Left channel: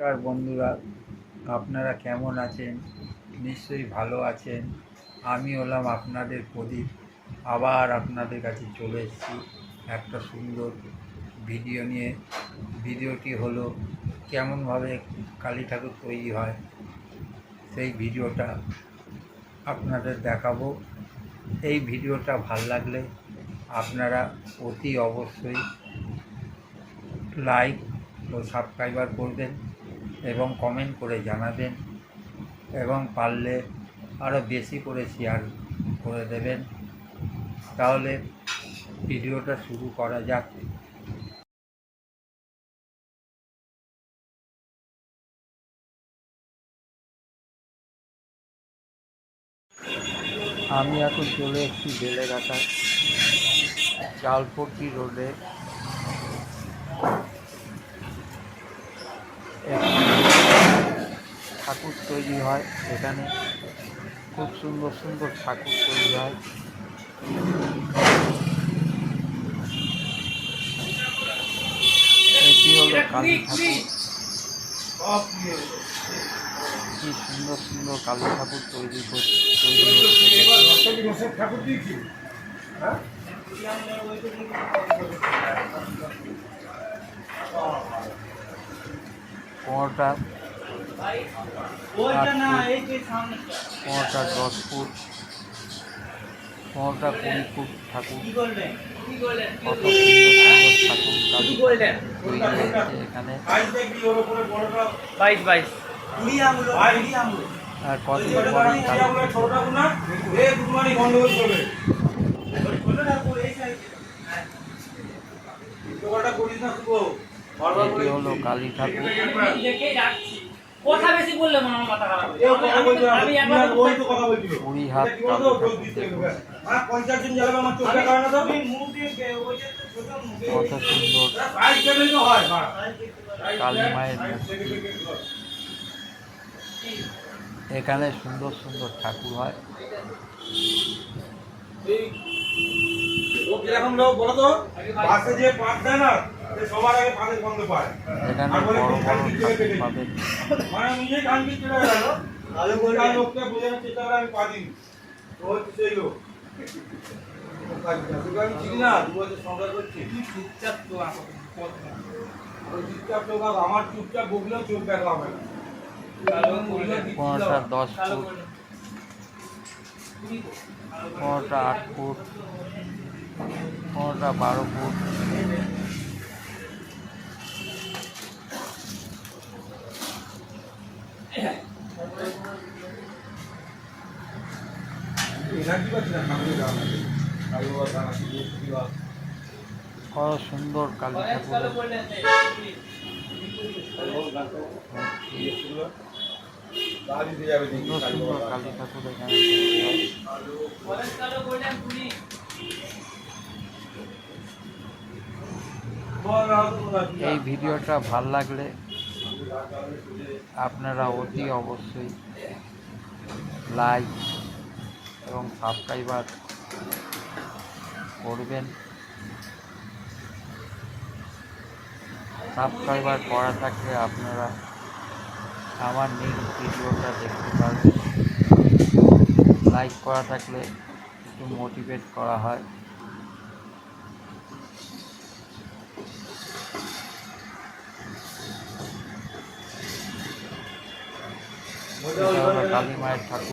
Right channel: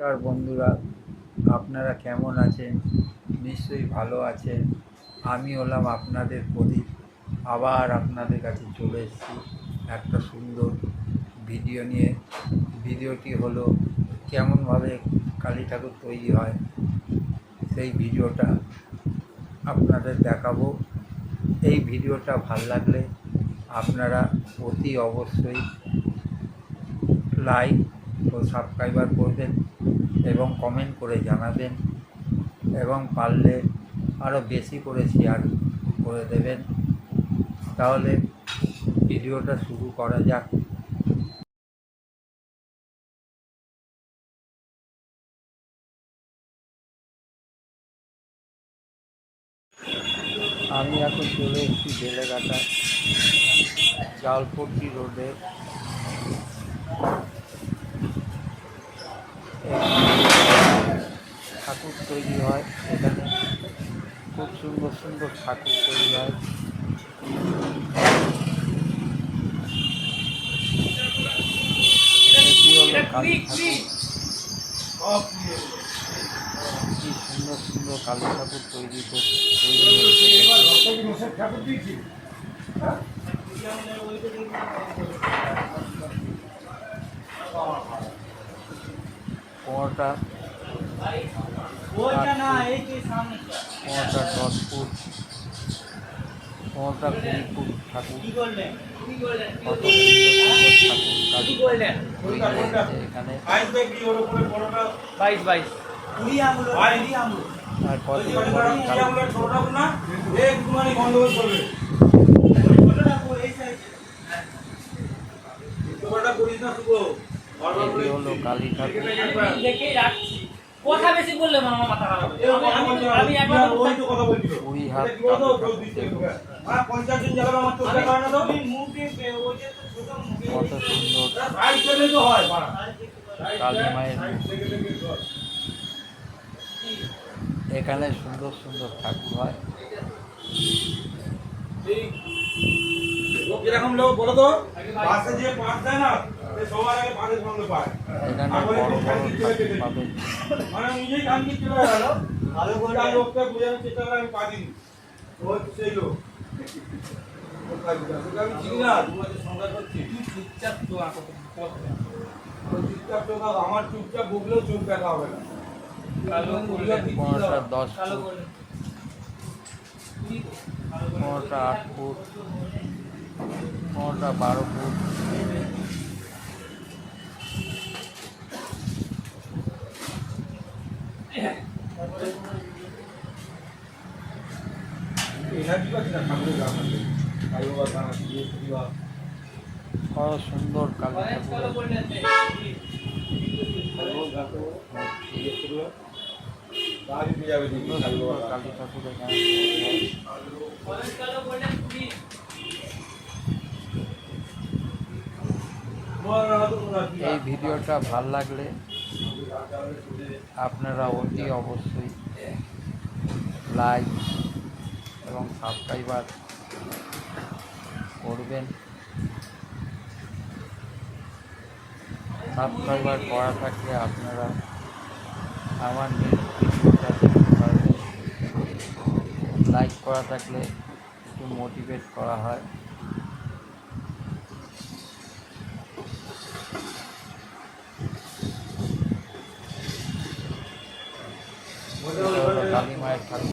নমস্কার বন্ধুরা, আপনারা কেমন আছেন? নিশ্চয়ই ভালো আছেন। আমি হলাম আপনাদের প্রদীপ। আবার আপনাদের কাছে চলে এসেছি একটা সুন্দর ভিডিও নিয়ে। ভিডিওটি হলো কেমনভাবে কালী ঠাকুর তৈরি হয়, সেই ভিডিওটা আপনাদের দেখাবো। এই ভিডিওটা ভাল লাগলে আপনারা অতি অবশ্যই লাইক ও সাবস্ক্রাইবার করবেন এবং কমেন্ট করে জানাবেন, এবং পারলে আরও বেশি করে শেয়ার করে দেবেন। তাহলে ভিডিওটা শুরু করা যাক। আমি এখন চলে এসেছি বেলেঘাটায় জালপট্টি রোডে। ঠাকুর তৈরি হয় এখানে, খুব সুন্দর সুন্দর ঠাকুর তৈরি হয়। এটি হলো কালী ঠাকুর। কি সুন্দর সুন্দর কালী ঠাকুর তৈরি হচ্ছে। কোনোটা 10 ফুট, কোনোটা 20 ফুট ঠাকুর। কত সুন্দর সুন্দর ঠাকুর কালী তৈরি হচ্ছে এখানে। আর কদিন পরেই কালী এটি হলো কালী ঠাকুর। কথা বেশি বললে মামা মাথা খারাপ হবে। আমি একবার বলতে কথা বলছি। 20 হাত কালী ঠাকুর দেখুন, কত সুন্দর কালী মায়ের মূর্তি। এখানে সুন্দর সুন্দর ঠাকুর হয়। এখানে বড় বড় ঠাকুর পাবেন। আমার চুপচাপ বুকলেও চোখ দেখা হবে না। কোনোটা 10 ফুট, কোনোটা 8 ফুট, কোনোটা 12 ফুট। কত সুন্দর কালী ঠাকুরের সুন্দর কালী ঠাকুর এখানে। এই ভিডিওটা ভাল লাগলে আপনারা অতি অবশ্যই লাইক এবং সাবস্ক্রাইবার করবেন। সাবস্ক্রাইবার করা থাকলে আপনারা আমার নেক্সট ভিডিওটা দেখতে পারবেন। লাইক করা থাকলে একটু মোটিভেট করা হয়। কালী মায়ের ঠাকুর।